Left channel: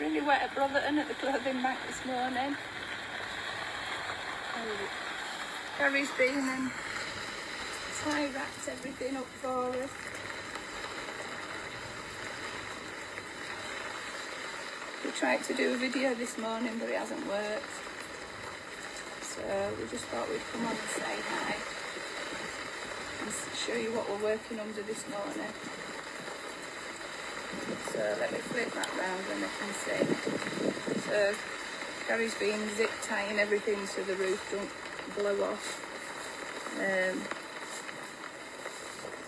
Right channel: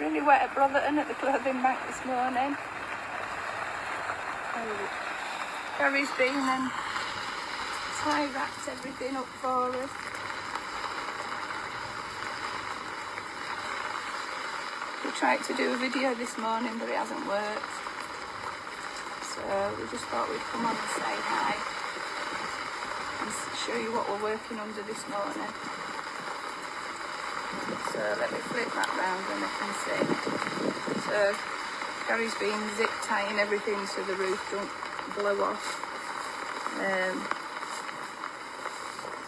really wet at Brotherton at the clothing bank this morning. Gary's been and tie wrapped everything up for us. We tried to do a video this morning, but it hasn't worked. So we just thought we'd come on and say hi and show you what we're working under this morning. So let me flip that round and I can see. So Gary's been zip tying everything so the roof don't blow off.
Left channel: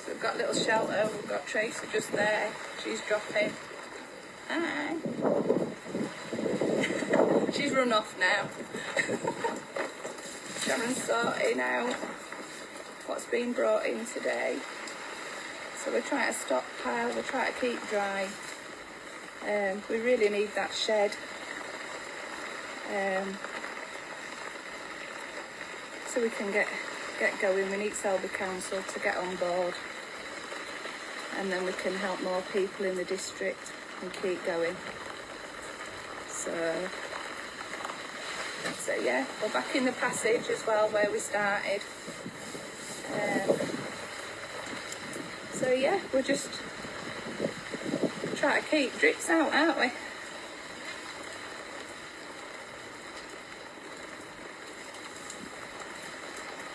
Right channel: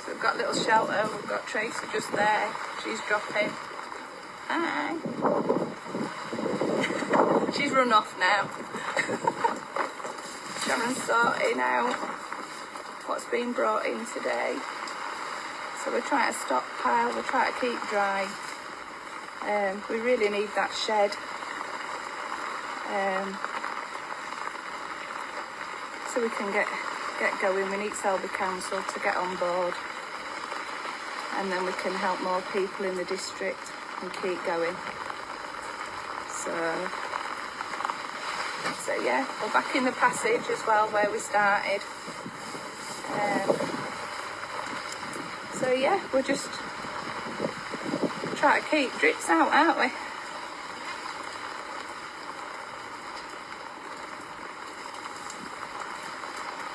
So we've got a little shelter, we've got Tracy just there, she's dropping. Hi. She's run off now. Sharon's sorting out what's been brought in today. So we're trying to stockpile, we're trying to keep dry. We really need that shed. So we can get going. We need Selby Council to get on board. And then we can help more people in the district and keep going. So yeah, we're back in the passage as well where we started. So yeah, we're just trying to keep drips out, aren't we?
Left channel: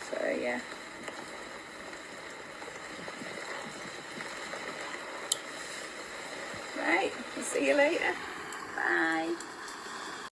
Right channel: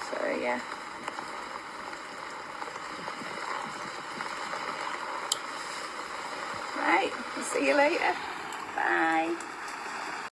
So yeah. Right, I'll see you later. Bye.